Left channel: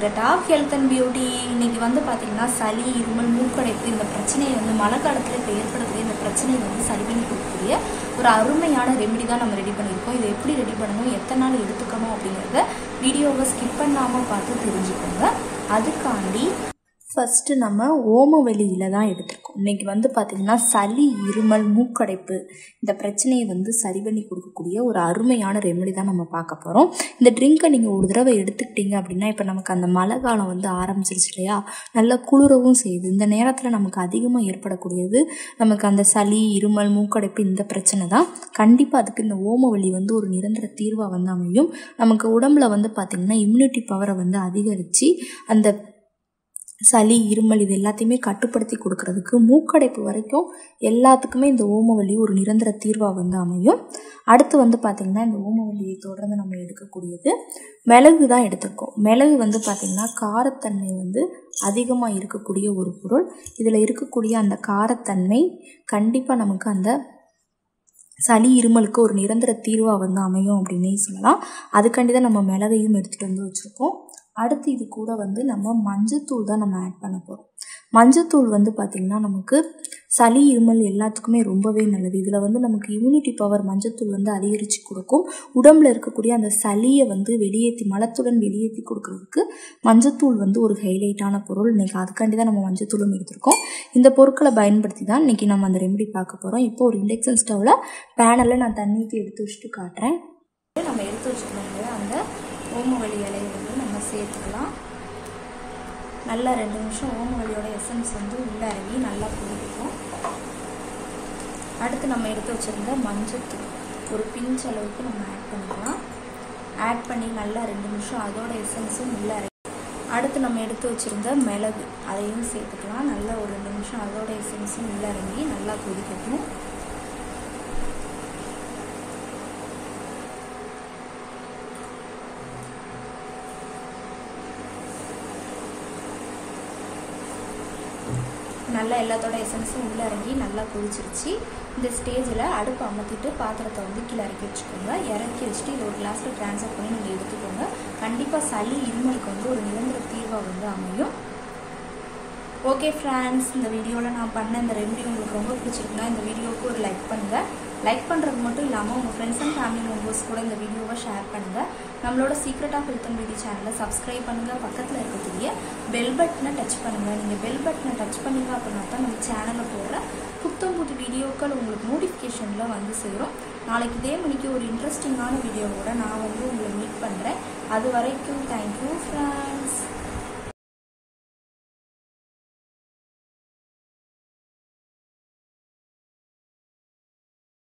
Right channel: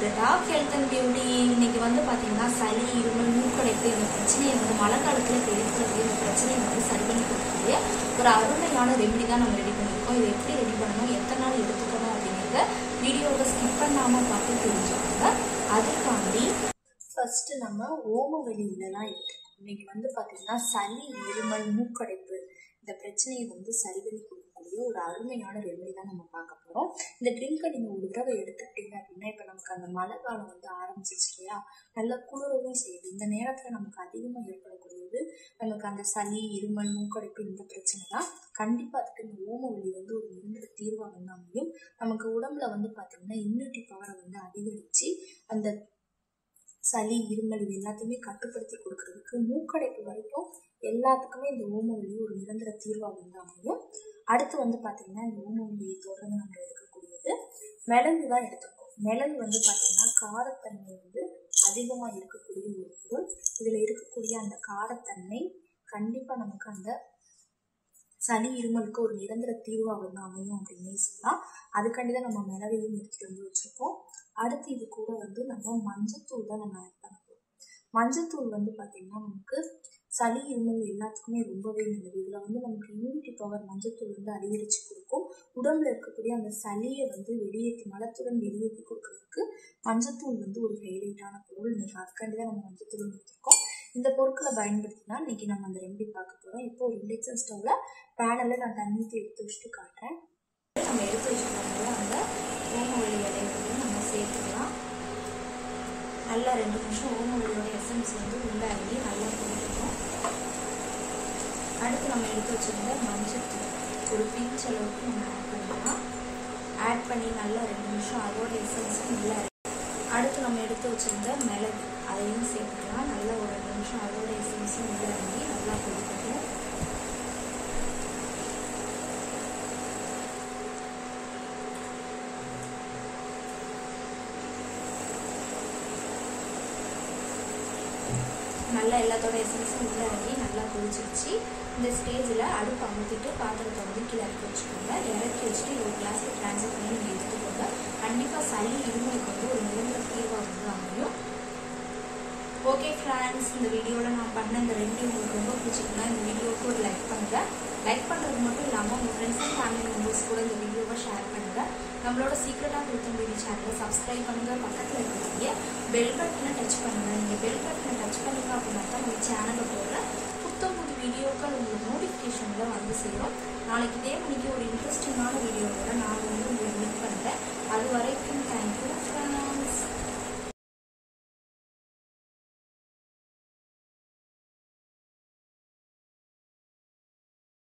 secret of health and beauty. இன்னைக்கு வந்து பாத்தீங்கன்னா சளி, இருமல், மூக்கடைப்பு இந்த பிரச்சனையை வந்து மழை காலத்துல ஏற்படக்கூடிய இந்த பிரச்சனையை வந்து சரி பண்ணி கொடுக்கக்கூடிய ஒரு அருமையான ரெமெடி தான் நம்ம ரெடி பண்ணியிருக்கோம். இதை எப்படி ரெடி பண்ணணும், எத்தனை நாள் எடுத்துக்கணும் அப்படிங்கிறத வீடியோவை ஸ்கிப் பண்ணாம பார்த்து தெரிஞ்சுக்கோங்க. அதுக்காண்டி ஃபர்ஸ்ட் நம்ம ஓமவல்லி இலை தான் எடுத்துருக்கோம். இன்னைக்கு வந்து பார்த்திங்கன்னா சளி, இருமல், மூக்கடைப்பு இந்த பிரச்சனையை வந்து சரி பண்ணி கொடுக்கக்கூடிய ஒரு அருமையான ரெமெடி தான் நம்ம பார்க்க போகிறோம். இந்த ட்ரிங்கை நீங்கள் ஒரு தடவை எடுத்துக்கிட்டீங்க அப்படின்னா, இப்போ நமக்கு அந்த மழை காலம் வந்து ஆரம்பிச்சிருச்சு இல்லையா, நல்லா குளிரவும் செய்யுது. இந்த நேரத்தில் நமக்கு அதிகமாக ஏற்படக்கூடியது நமக்கு அந்த சளி, இருமல், மூக்கடைப்பு இந்த பிரச்சனை தான். கண்டிப்பாக அதுக்கு இந்த ஓமவல்லி வந்து ஒரு நிரந்தர தீர்வாக வந்து அமையும். நமக்கு உடம்புல வந்து பார்த்திங்கன்னா இம்யூனிட்டி பவரை வந்து அதிகரித்து அந்த சளி, இருமல் இது எல்லாத்தையுமே கட்டுப்படுத்தி கொடுக்கறதுக்கு, மூக்கடைப்பு வரைக்கும் எல்லாத்துக்குமே இந்த ஓமவல்லி ஒரு நிரந்தர தீர்வாக வந்து அமையும். அடுத்து வந்து பார்த்திங்கன்னா இந்த ஓமவல்லியை தொடர்ந்து நம்ம எடுக்கக்கூடியது மிளகு தான் எடுத்துருக்கோம். மிளகு வந்து பார்த்திங்கன்னா காரத்தன்மை வந்து அதிகமாக இருக்கக்கூடிய ஒரு பொருள். இதில் இருக்கக்கூடிய அந்த காரத்தன்மை கண்டிப்பாக நமக்கு அந்த சளி, இருமலுக்கு ஒரு நிரந்தர தீர்வாக வந்து அமையும் அப்படின்னே சொல்லலாம். அதுக்காண்டி தான் நம்ம மிளகையும் எடுத்துகிட்டு வந்து வச்சுருக்கோம். அடுத்து இது கூட வந்து நம்ம மஞ்சத்தூள் தான் நம்ம ஆட் பண்ண போகிறோம். மஞ்சத்தூள் வந்து பார்த்திங்கன்னா நமக்கு சளி, இருமல் எல்லாத்துக்குமே ரொம்பவே நல்லது. இதில் வந்து நமக்கு இம்யூனிட்டி பவர் மஞ்சத்தூள் வந்து அதிகரித்து கொடுக்கும். உடம்புல இருக்கக்கூடிய அந்த சளியை வந்து வெளியேற்றி, மலத்துடன் வெளியேற்றி கொடுக்கறதுக்கு மஞ்சத்தூள் வந்து ஒரு ஹைலைட்டான பொருள். இன்றைக்கி அதுக்காண்டி தான் நம்ம மஞ்சத்தூளும் எடுத்திருக்கோம். இந்த பொருட்களை பயன்படுத்தி தான் இன்றைக்கி நம்ம அந்த ரெமெடி பார்க்க போகிறோம். இப்போ ஒரு இண்டக்ஷன் ஸ்டவ்வில் பேனலில் நான் தண்ணி ஊற்றி எடுத்து வச்சுட்டு காட்டுறேன். நம்ம எடுத்து வச்சுக்கோங்க. அந்த ஓமவல்லி இலையை வந்து நம்ம சேர்த்துக்கலாம். நல்லா 2 நிமிஷம் ஓமவல்லியோட எசன்ஸ் வந்து உள்ள இறங்கி நல்லா போட்டுக்கும். அடுத்து நம்ம எடுத்து வச்சுருந்த மஞ்சத்தூள் ஒரு பிஞ்ச் அளவுக்கு நம்ம ஆட் பண்ணிக்கலாம். ஆட் பண்ணி நல்லா 2 நிமிஷம் அதோட எசன்ஸும் உள்ள இறங்கி, அடுத்து நம்ம எடுத்து வச்சுருந்த மிளகு அதையும் சேர்த்துக்கலாம். நல்லா ஒரு 2 நிமிஷம் அதோட எசன்ஸும் உள்ள இறங்கி நல்லா கொதிக்கட்டும். நல்லா எல்லாத்தோட எசன்ஸும் உள்ள இறங்கி நல்லா கொதிச்சிருச்சு. இந்த ஸ்டேஜில் அடுப்பு அமர்த்திட்டு பாத்திரத்தை வந்து கீழே இறக்கி வச்சுக்கோங்க. இறக்கி வச்சுட்டு இது ஒரு கிளாஸில் ட்ரான்ஸ்ஃபர் பண்ணி நீங்கள் எடுத்துக்கோங்க. கண்டிப்பாக சளி, இருமலுக்கு வந்து ஒரு நிரந்தர தீர்வாக வந்து அமையும். ஓகே ஃப்ரெண்ட்ஸ், இந்த வீடியோவில் நான் பண்ண இந்த ரெமெடி உங்களுக்கு ரொம்ப பிடிச்சிருக்குன்னா இந்த வீடியோவுக்கு ஒரு லைக் பண்ணுங்கள். லைக் பண்ணுறது மட்டும் இல்லாமல் உங்கள் ஃப்ரெண்ட்ஸ் அண்ட் ஃபேமிலி மெம்பர்ஸ் கூட இந்த வீடியோவை ஷேர் பண்ணுங்கள். நம்மளோட secret of health and beauty சேனலை சப்ஸ்கிரைப் பண்ணுங்கள். பக்கத்தில் இருக்கக்கூடிய பெல் பட்டனை டச் பண்ணுங்கள். நீங்கள் பெல் பட்டனை டச் பண்ணிங்க அப்படின்னா தான் நம்ம சேனலில் போடுற புத்தம் புது வீடியோக்கள் உங்களுக்கு நோட்டிஃபிகேஷனில் வந்து சேரும். நாளைக்கு இதே மணிக்கு ஒரு இன்ட்ரெஸ்டிங்கான வீடியோவோட நான் வந்து உங்களை மீட் பண்ணுறேன். அது வரைக்கும் தேங்க்யூ ஃப்ரெண்ட்ஸ்.